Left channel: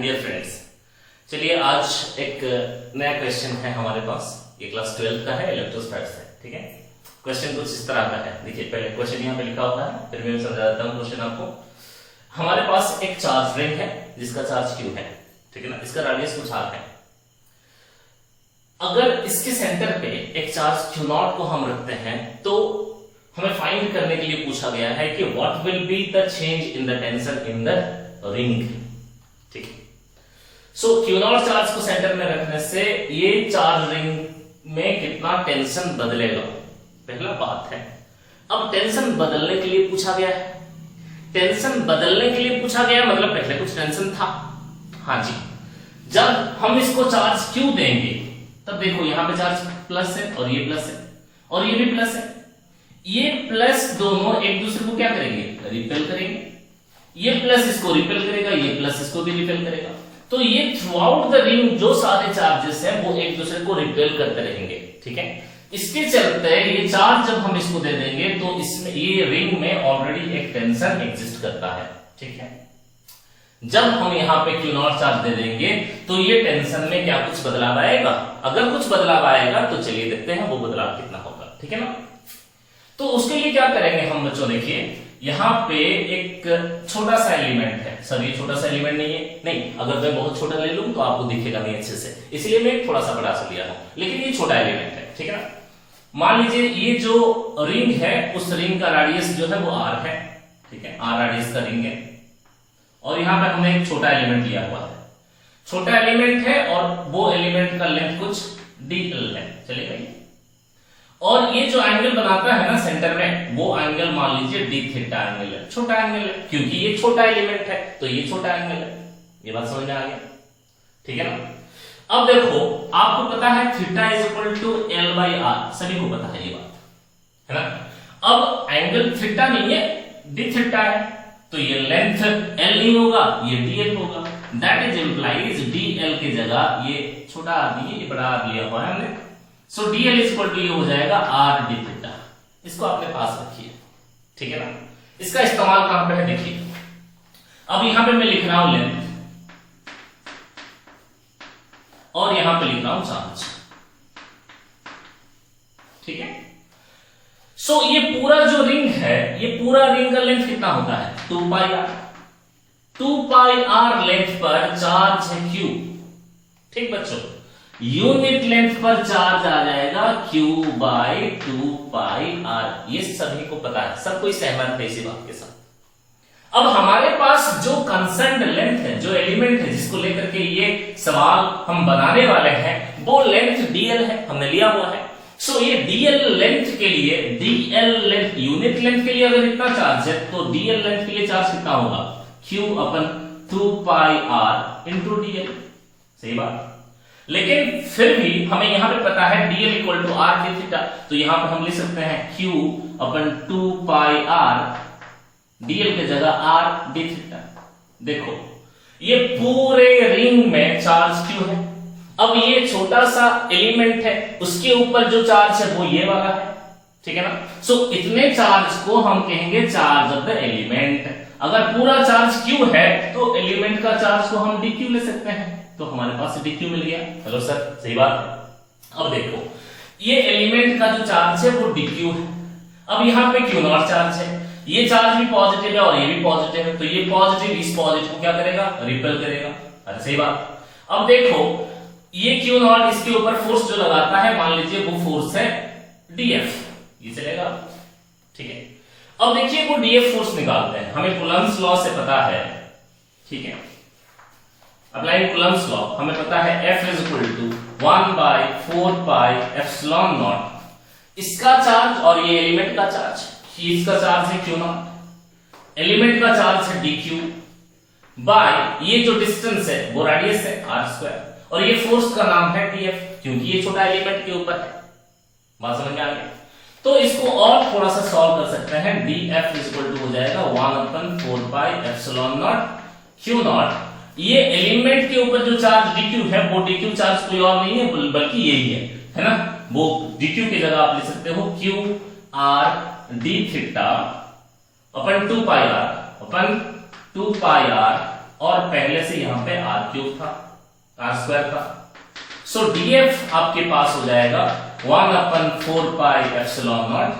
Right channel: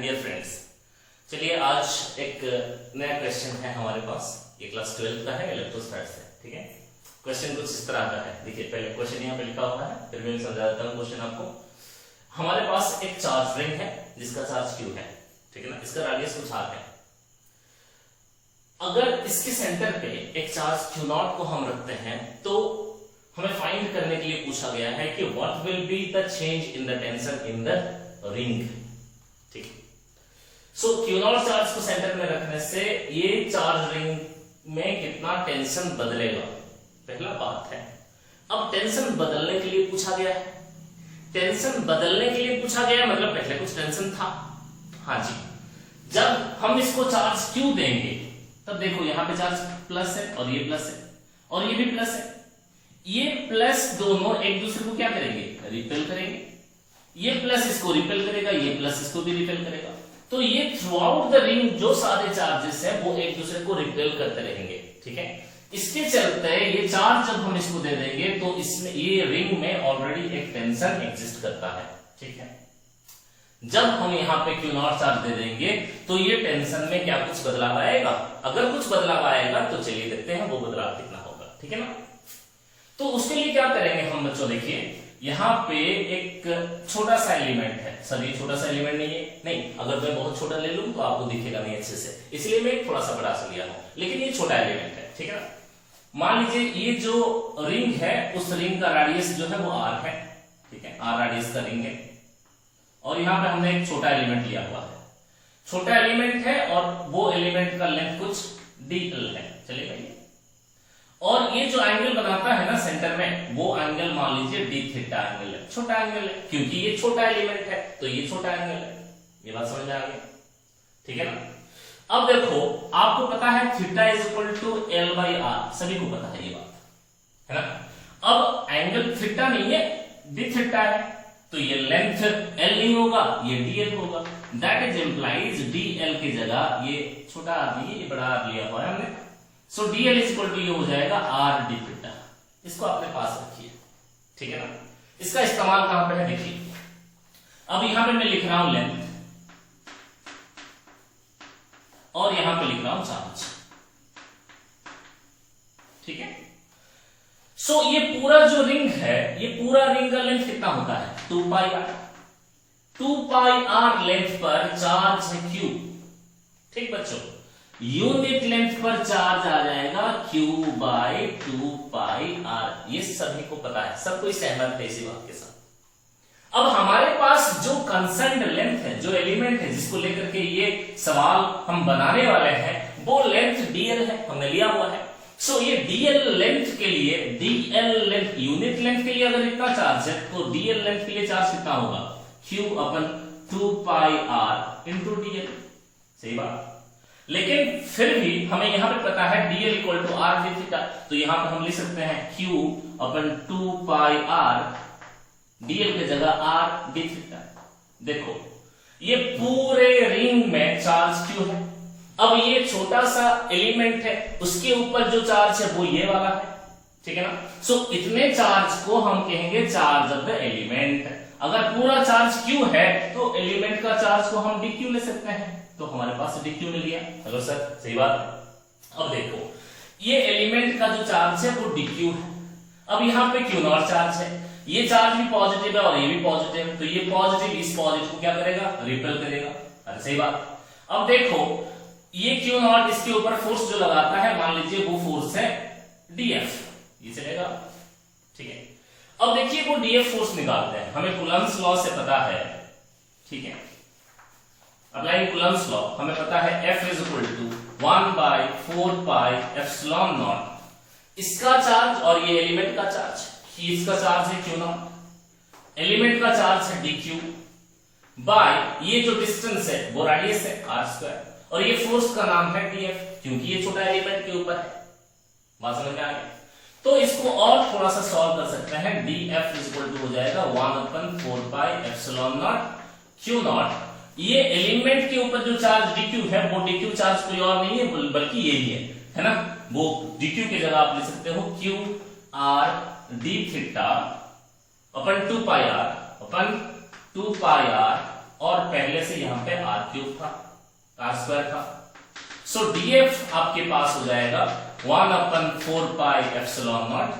And dear friends, चलिए आज एक नया क्वेश्चन है हमारे पास। ये क्लास 12 का है, इलेक्ट्रोस्टैट से। ठीक है, क्वेश्चन कुछ इस तरह का है। देखिए, पहले क्वेश्चन यहाँ पे लिखा हुआ है, फिर मैं समझा देता हूँ क्वेश्चन आपको। हमारे पास एक चार्ज रिंग है जिसका चार्ज Q है, ठीक है ना। इसका रेडियस कुछ R है। अगर इसके सेंटर पे एक चार्ज Q0 को हम रखते हैं तो हमें फाइंड करने के लिए पूछा गया है कि what will be the change in the tension in the ring. ठीक है, सो Q0 चार्ज को सेंटर में रखने से ये चार्ज रिंग में कितना टेंशन बदलेगा, पहला बात है। अब टेंशन बदलने के लिए पूछा गया है। टेंशन बदलने के लिए पूछा गया मतलब पहले कुछ टेंशन था। हाँ जी, जब हम इसको चार्ज Q देंगे तब देखो यहां पे चार्ज प्लस है और ये प्लस है और ये भी प्लस है। ये प्लस दोनों एक दूसरे को क्या करेंगे, रिपेल करेंगे। ये प्लस इसको रिपेल करेगा, ये प्लस इसको भी रिपेल करेगा। तो ये थ्रू आउट द रिंग जो सारे चार्जेस हैं वो एक दूसरे को रिपेल करते रहेंगे। ठीक है, इसके चलते ये चार्ज जब हम इसको दे देंगे तो इसमें ये रिंग में ऑलरेडी एक टेंशन एग्जिस्ट करता है। ठीक है, जब हम यहाँ पे Q0 चार्ज दे देंगे तो ये टेंशन में क्या कुछ बदलाव आएगा। अगर कुछ बदलाव आएगा तो चलिए देखते हैं वो बदलाव कितना होगा। ठीक है ना, तो उसके लिए क्या करेंगे हम बच्चों, देखिए यहाँ पे एक छोटा सा एलिमेंट है। सर ये छोटा सा एलिमेंट नहीं है, नहीं, अगर मैं बहुत छोटा ले लूं तो आपको दिखेगा नहीं अच्छे से, इसलिए मैं थोड़ा सा बड़ा सा लिया हूं, लेकिन ये छोटा एलिमेंट है। ठीक है ना, मान लीजिए ये जो रिंग है उस रिंग का रेडियस जो है वो R है। ठीक है, R रेडियस का रिंग है और यहाँ पे हमने एक छोटा एलिमेंट लिया हुआ है। छोटा एलिमेंट है और वो एलिमेंट का लेंथ कुछ dl है, चलेगा ये। और ये जो एंगल बनाता है ना सेंटर में, वो एंगल मान लीजिए d थीटा एंगल है, छोटा एंगल है, क्योंकि ये छोटा एलिमेंट है तो ये छोटा एंगल है। ये बात समझ में आ गया, ठीक है ना। अब देखो, आपको पता है theta is equal to L by R, सभी को पता है ये बात, है ना। अब एंगल थीटा नहीं है, d थीटा है, तो ये लेंथ L नहीं होगा, ये dl होगा। दैट इज इंप्लाइज dl की जगह ये छोटा r ये बड़ा r लिया हुआ है हमने, सो dl इज इक्वल टू ये हो जाएगा r d थीटा। इसको अपने पास रखिए, ठीक है ना। इसका इस्तेमाल कहां पे है, देखिए अब यहां पे मैं लिख रहा हूं लेंथ और यहां पे लिख रहा हूं चार्ज। ठीक है, सो ये पूरा जो रिंग है, ये पूरा रिंग का लेंथ कितना होता है, 2 पाई r। 2 पाई r लेंथ पर चार्ज है Q। ठीक बच्चों, यूनिट लेंथ पर चार्ज आ जाएगा Q बाई 2 पाई r। ये सभी को पता है, सब कोई सहमत है इसी बात के साथ। अब हमारे पास जो कंसर्न्ड लेंथ है, जो एलिमेंट है जिसको लेकर के ये सवाल हम बनाने वाले हैं, वो लेंथ dl है, हमने लिया हुआ है। सो ये dl लेंथ के लिए, dl लेंथ यूनिट लेंथ के लिए अगर इतना चार्ज है तो dl लेंथ के लिए चार्ज कितना होगा, Q अपन 2 पाई r इंटू dl। सही बात, लेकिन फिर भी हमें यहां पे पता है dl equal to r d theta, तो यहां पे हम लिख सकते हैं Q अपन 2 पाई r, dl की जगह r d थीटा। देखो ये पूरे रिंग में चार्ज Q है। अब ये छोटा सा एलिमेंट है, उसके ऊपर जो चार्ज है वो ये वाला है। ठीक है ना, सो इतने चार्ज को हम कहेंगे चार्ज ऑफ द एलिमेंट। अगर पूरा चार्ज Q है तो एलिमेंट का चार्ज को हम dq ले सकते हैं, तो हमारे पास dq मिल गया। हेलो सर, सही बात है। अब देखो ये एलिमेंट का जो चार्ज है वो dq है। अब यहाँ पे Q0 चार्ज है, ये चार्ज भी पॉजिटिव है और ये भी पॉजिटिव है, तो ये पॉजिटिव इस पॉजिटिव को क्या करेगा, रिपेल करेगा। अरे सही बात। अब देखो ये Q0 इसके ऊपर फोर्स जो लगाता है, मान लीजिए वो फोर्स है dF, ये चलेगा। ठीक है, अब देखिए वो dF फोर्स निकालते हैं, हमें कूलम्ब्स लॉ से पता है। ठीक है, अप्लाइंग कूलम्ब्स लॉ हमें पता है F is equal to 1 by 4 pi epsilon nought. इसका चार्ज और ये एलिमेंट का चार्ज, इसका चार्ज है Q0, एलिमेंट का चार्ज है dQ बाय ये जो डिस्टेंस है वो रेडियस है r स्क्वायर, और ये फोर्स का नाम है dF, क्योंकि ये छोटा एलिमेंट के ऊपर है। बात समझ में आ गई। तो इसको और थोड़ा सा सॉल्व कर सकते हैं। dF इज इक्वल टू हो जाएगा 1 अपन 4 पाई एप्सिलॉन नॉट Q0। ये एलिमेंट के ऊपर जो चार्ज dQ है वो dQ चार्ज कोई और नहीं है बल्कि यही है ना। वो dQ की जगह आप लिख सकते हो Q r d थीटा अपन 2 पाई r अपन 2 पाई r और पहले से यहां पे आर क्यूब था, आर स्क्वायर था। सो डीएफ आपके पास हो जाएगा 1/4πε0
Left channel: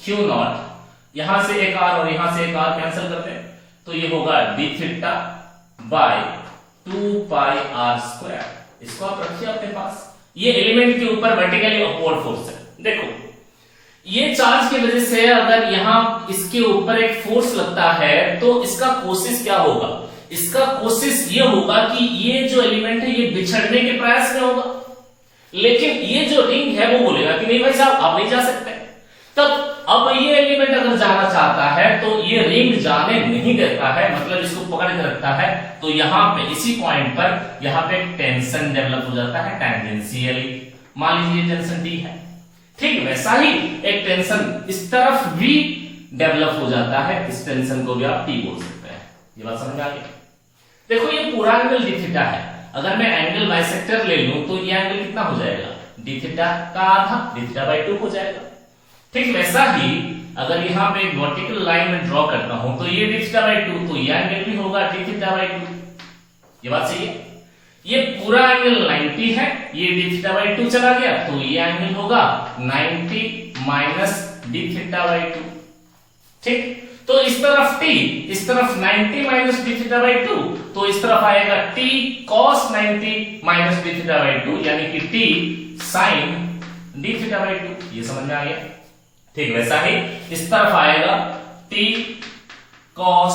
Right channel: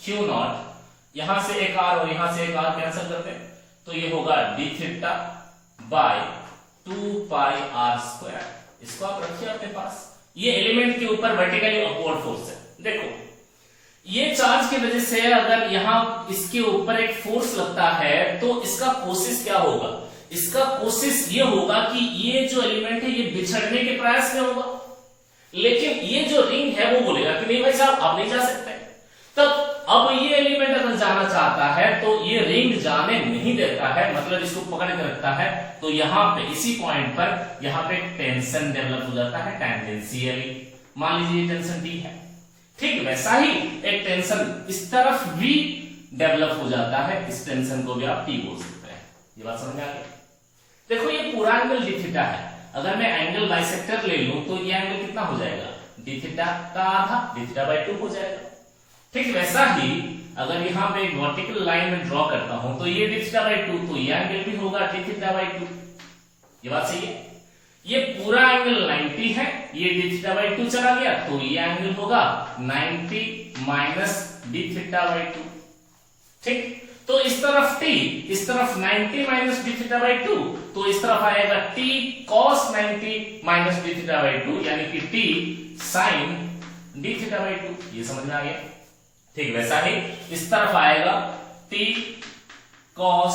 क्यू नॉट, यहां से एक आर और यहां से एक आर कैंसिल करते हैं, तो ये होगा डी थीटा बाय 2πr²। इसको आप रखिए अपने पास। ये एलिमेंट के ऊपर वर्टिकली अपवर्ड फोर्स है। देखो ये चार्ज की वजह से अगर यहां इसके ऊपर एक फोर्स लगता है तो इसका कोशिश क्या होगा, इसका कोशिश ये होगा कि ये जो एलिमेंट है ये बिछड़ने के प्रयास में होगा, लेकिन ये जो रिंग है वो बोलेगा कि नहीं भाई साहब आप नहीं जा सकते। तब अब ये एलिमेंट अगर जाना चाहता है तो ये रिंग जाने नहीं देता है, मतलब इसको पकड़ के रखता है। तो यहां पे इसी पॉइंट पर यहां पे टेंशन डेवलप हो जाता है टेंजेंशियली। मान लीजिए टेंशन टी है, ठीक वैसा ही एक टेंशन इस तरफ भी डेवलप हो जाता है, इस टेंशन को भी आप टी बोल सकते हैं। ये बात समझ आ गई। देखो ये पूरा एंगल डी थीटा है, अगर मैं एंगल बाइसेक्टर ले लूं तो ये एंगल कितना हो जाएगा, डी थीटा का आधा, डी थीटा बाई 2 हो जाएगा। ठीक वैसा ही अगर यहां पे एक वर्टिकल लाइन में ड्रॉ करता हूं तो ये डी थीटा बाई 2, तो ये एंगल भी होगा डी थीटा बाई 2। ये बात सही है। ये पूरा एंगल 90 है, ये डी थीटा बाई 2 चला गया तो ये एंगल होगा 90 माइनस डी थीटा बाई 2। ठीक, तो इस तरफ t, इस तरफ 90 माइनस डी थीटा बाई 2, तो इस तरफ आएगा t cos 90 minus D theta by 2, यानी कि t sin D theta by 2। ये समझ में आ गया। ठीक वैसा ही इस तरफ आएगा t cos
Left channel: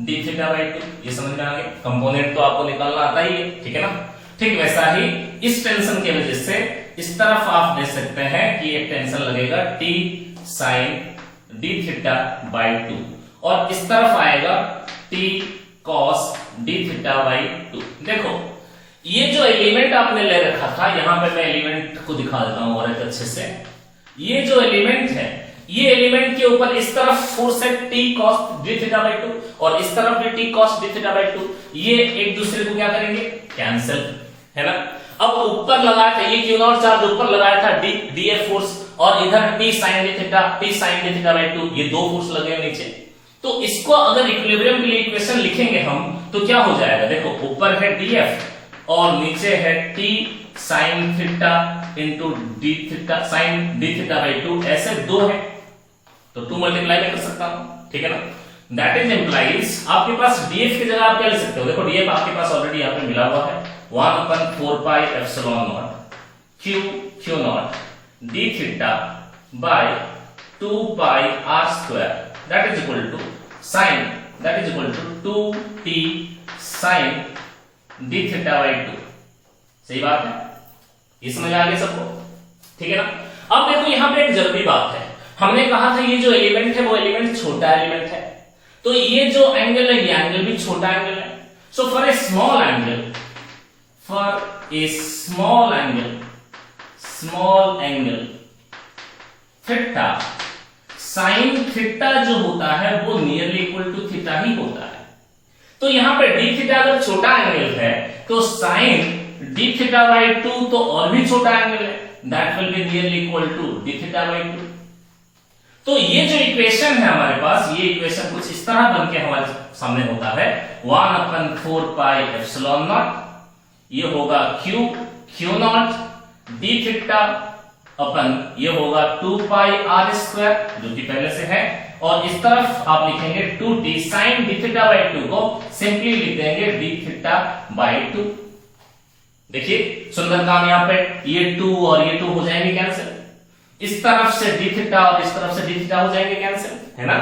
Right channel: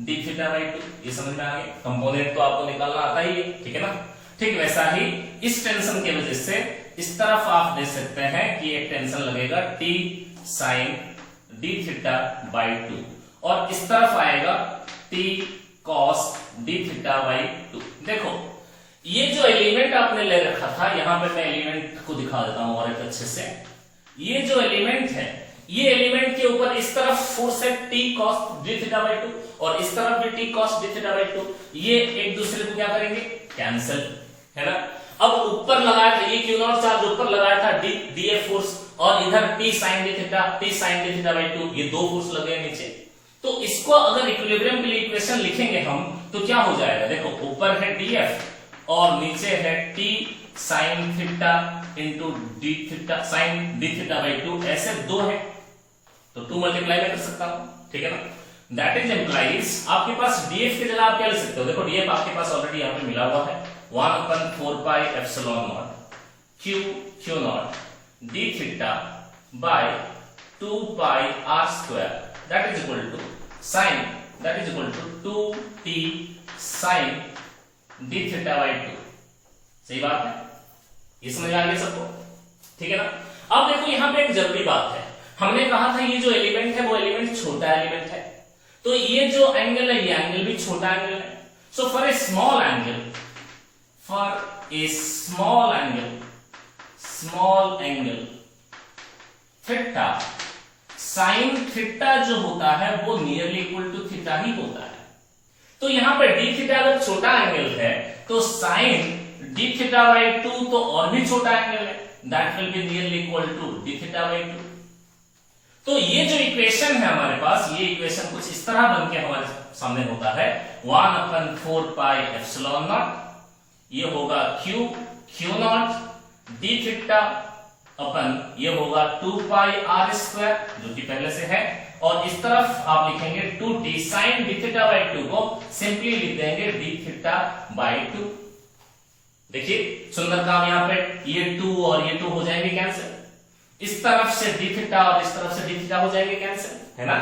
D theta by 2। ये समझ में आ गया। कंपोनेंट तो आपको निकालना आता ही है, ठीक है ना। ठीक वैसा ही इस टेंशन की वजह से इस तरफ आप देख सकते हैं कि एक टेंशन लगेगा t sin D theta by 2, और इस तरफ आएगा t cos D theta by 2। देखो ये जो एलिमेंट आपने ले रखा था, यहां पे मैं एलिमेंट को दिखा देता हूं और एक अच्छे से। ये जो एलिमेंट है, ये एलिमेंट के ऊपर इस तरफ फोर्स है t cos D theta by 2, और इस तरफ भी t cos D theta by 2। ये एक दूसरे को क्या करेंगे, कैंसिल, है ना। अब ऊपर लगाया था ये क्यू नॉट चार्ज, ऊपर लगाया था df फोर्स, और इधर t sin D theta by 2, ये दो फोर्स लगे नीचे। तो इसको अगर इक्विलिब्रियम के लिए इक्वेशन लिखेंगे हम तो क्या हो जाएगा, देखो ऊपर है df और नीचे है t sin theta into D theta sin D theta by 2, ऐसे दो है तो 2 मल्टीप्लाई में कर सकता हूं, ठीक है ना। दैट इज इंप्लाइज आपके पास df की जगह आप क्या ले सकते हो, देखो df आपके पास ऑलरेडी यहां पे मिला हुआ है 1/4πε0 q not D theta by 2πr², that is equal to sin, that is equal to 2t sin D theta by 2। सही बात है, ये समझ आ गया सबको, ठीक है ना। अब देखो यहां पे एक जरूरी बात है, हमने कहा था ये जो एलिमेंट है वो एलिमेंट छोटा एलिमेंट है, तो ये जो एंगल है ये एंगल भी छोटा एंगल है। So for a small angle, small angle theta, sine theta जो होता है वो नियरली इक्वल टू थीटा ही होता है। तो यहां पे डी थीटा अगर छोटा एंगल है तो साइन डी थीटा बाई 2 तो और भी छोटा एंगल है, that will be nearly equal to D theta by 2। तो ये जो इक्वेशन है हमारे पास, ये इक्वेशन कुछ इस तरह बन के हमारे सामने होता है 1/4πε0, ये होगा q नॉट डी थीटा अपन ये होगा 2πr² जो कि पहले से है, और इस तरफ आप लिखेंगे 2t sin D theta by 2 को सिंपली लिख देंगे डी थीटा बाई 2। देखिए सुंदर काम, यहां पे ये 2 और ये 2 हो जाएंगे कैंसिल, इस तरफ से डी थीटा और इस तरफ से डी थीटा हो जाएंगे कैंसिल, है ना।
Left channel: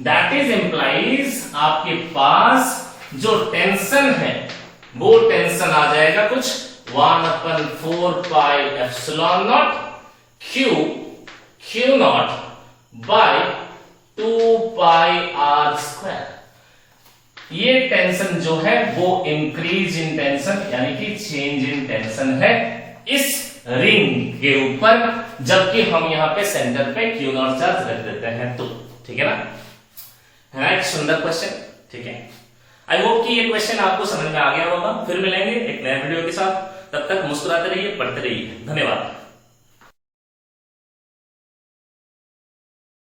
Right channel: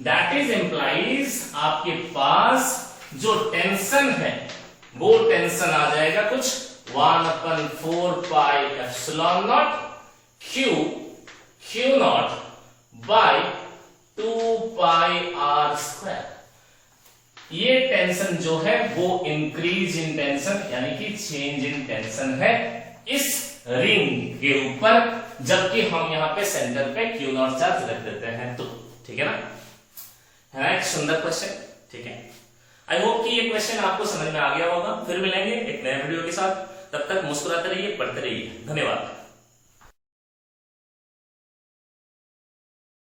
दैट इज इंप्लाइज आपके पास जो टेंशन है वो टेंशन आ जाएगा कुछ 1/4πε0 q नॉट बाय 2πr²। ये टेंशन जो है वो इंक्रीज इन टेंशन यानी कि चेंज इन टेंशन है इस रिंग के ऊपर, जबकि हम यहां पे सेंटर पे क्यू नॉट चार्ज रख देते हैं, तो ठीक है ना। है ना एक सुंदर क्वेश्चन, ठीक है। आई होप कि ये क्वेश्चन आपको समझ में आ गया होगा। फिर मिलेंगे एक नए वीडियो के साथ, तब तक मुस्कुराते रहिए, पढ़ते रहिए। धन्यवाद।